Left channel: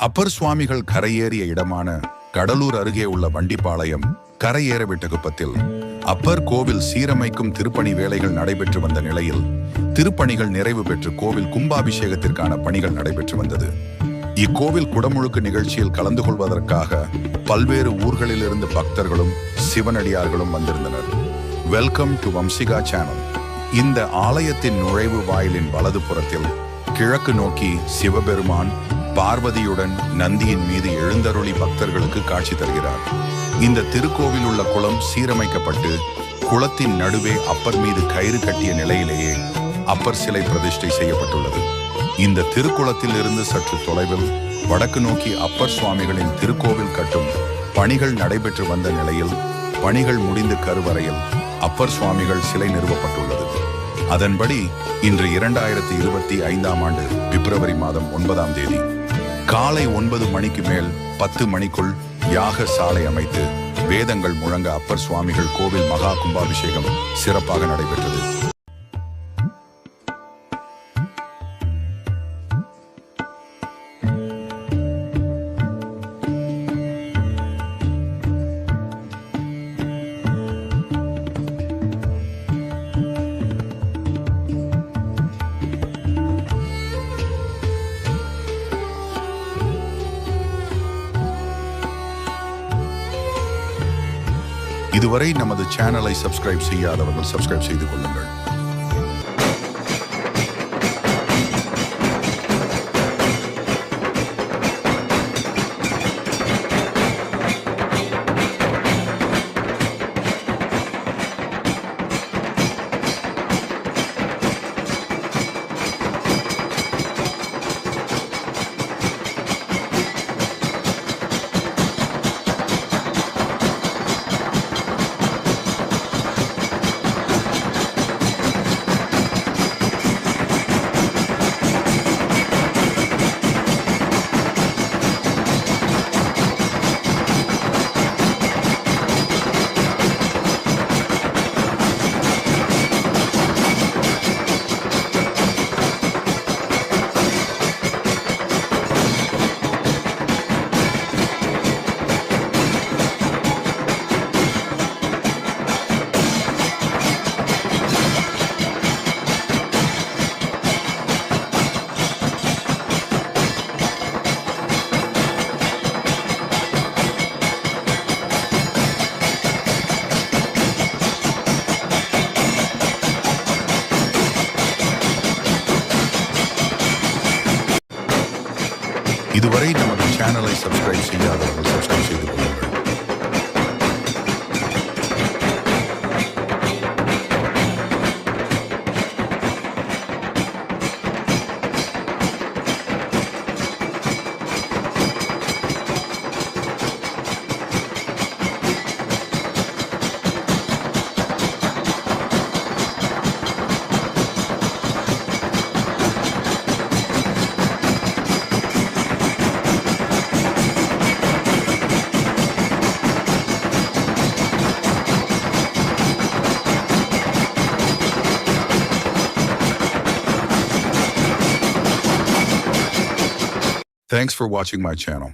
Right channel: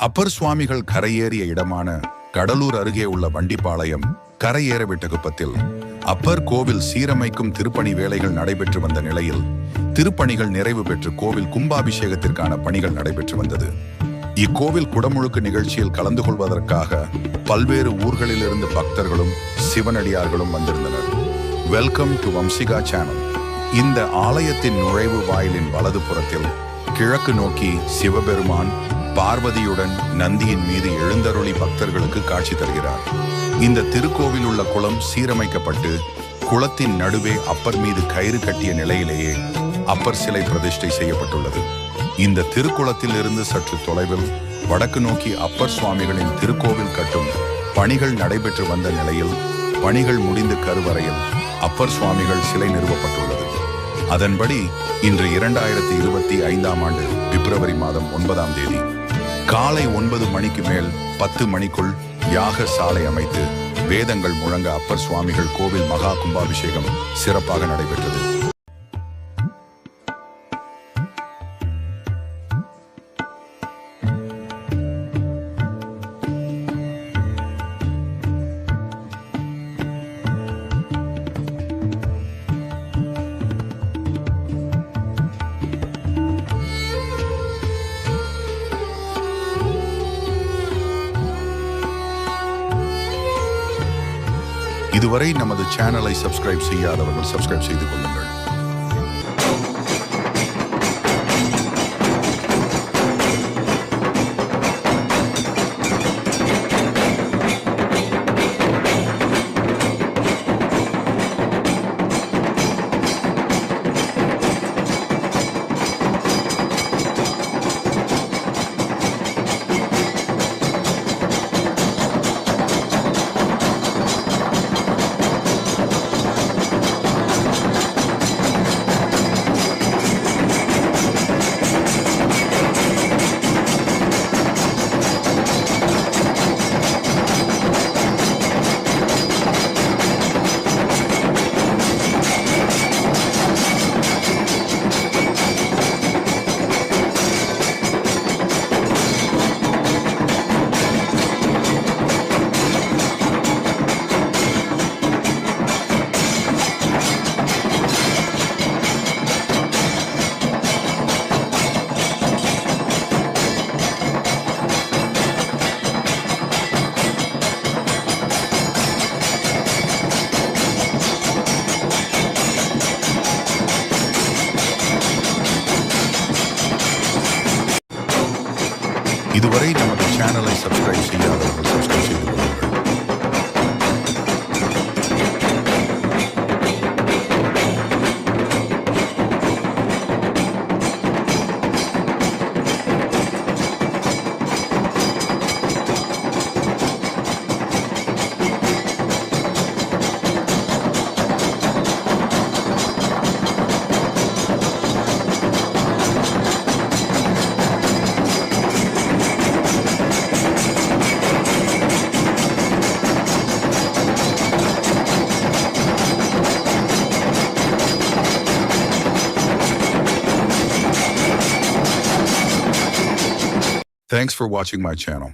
அப்பர் சுவாமிகள் கரையேறிய இடமான கடலூர் அருகே உள்ள வண்டிப்பாளையம் கரையேற விட்ட அப்பர் கோவில் சீரமைக்கும் திருப்பணி வேலைகள் நடைபெற்று வந்த நிலையில் திருப்பணிகள் நிறைவு பெற்று கோவில் கும்பாபிஷேகத்திற்கான பணிகள் நடைபெற்று வந்தது. இக்கோவில் குடமுழுக்கு நிகழ்ச்சியில் கலந்து கொள்வதற்காக பல்வேறு ஊர்களிலிருந்து பக்தர்களும் சிவனடியார்களும் வந்திருந்தனர். வெல்கம் டு வம்சிகா சேனல் இந்த ஆலயத்தின் நுழைவு வாயிலின் வலது புறத்தில் கிழக்கு நோக்கி சிவபெருமான் பார்வதியுடன் நந்தியின் மீது எழுந்தருளி பக்தர்களுக்கு காட்சி தருகிறார். இந்த திருக்கோவில் உள்ள குளம் சீரமைக்கப்பட்டு குளத்தின் நடுவே அப்பர் மீது கயிறு கட்டிய நிலையிலேயே அப்பர் சிலை பிரதிஷ்டை செய்யப்பட்டுள்ளது. இந்த திருக்குளத்தில் இருந்து சற்று தொலைவில் வடக்கு நோக்கி அப்பர் சுவாமிகளின் திருக்கோவில் கட்டும் பணிகள் நடைபெற்று வந்த நிலையில் பணிகள் முடிந்து கருவறையில் அப்பர் சுவாமிகள் சிலை நிறுவப்பட்டுள்ளது. அதன்படி இன்று இரண்டாயிரத்தி இருபத்தி ஐந்தாம் ஆண்டு பிப்ரவரி மாதம் ஒன்பதாம் தேதி காலை ஒன்பது மணிக்கு மேல் பத்து மணிக்குள் யாக சாலை அமைத்து வேதங்கள் முழங்க அப்பர் சுவாமிகள் கோவில் மகா கும்பாபிஷேகம் சிறப்பாக நடைபெற்றது. இதுவரை நமது சேனலை சப்ஸ்கிரைப் செய்யாதவர்கள் சப்ஸ்கிரைப் செய்து கொள்ளுங்கள். இதுவரை நமது சேனலை சப்ஸ்கிரைப் செய்யாதவர்கள் சப்ஸ்கிரைப் செய்து கொள்ளுங்கள். Thanks for watching my channel.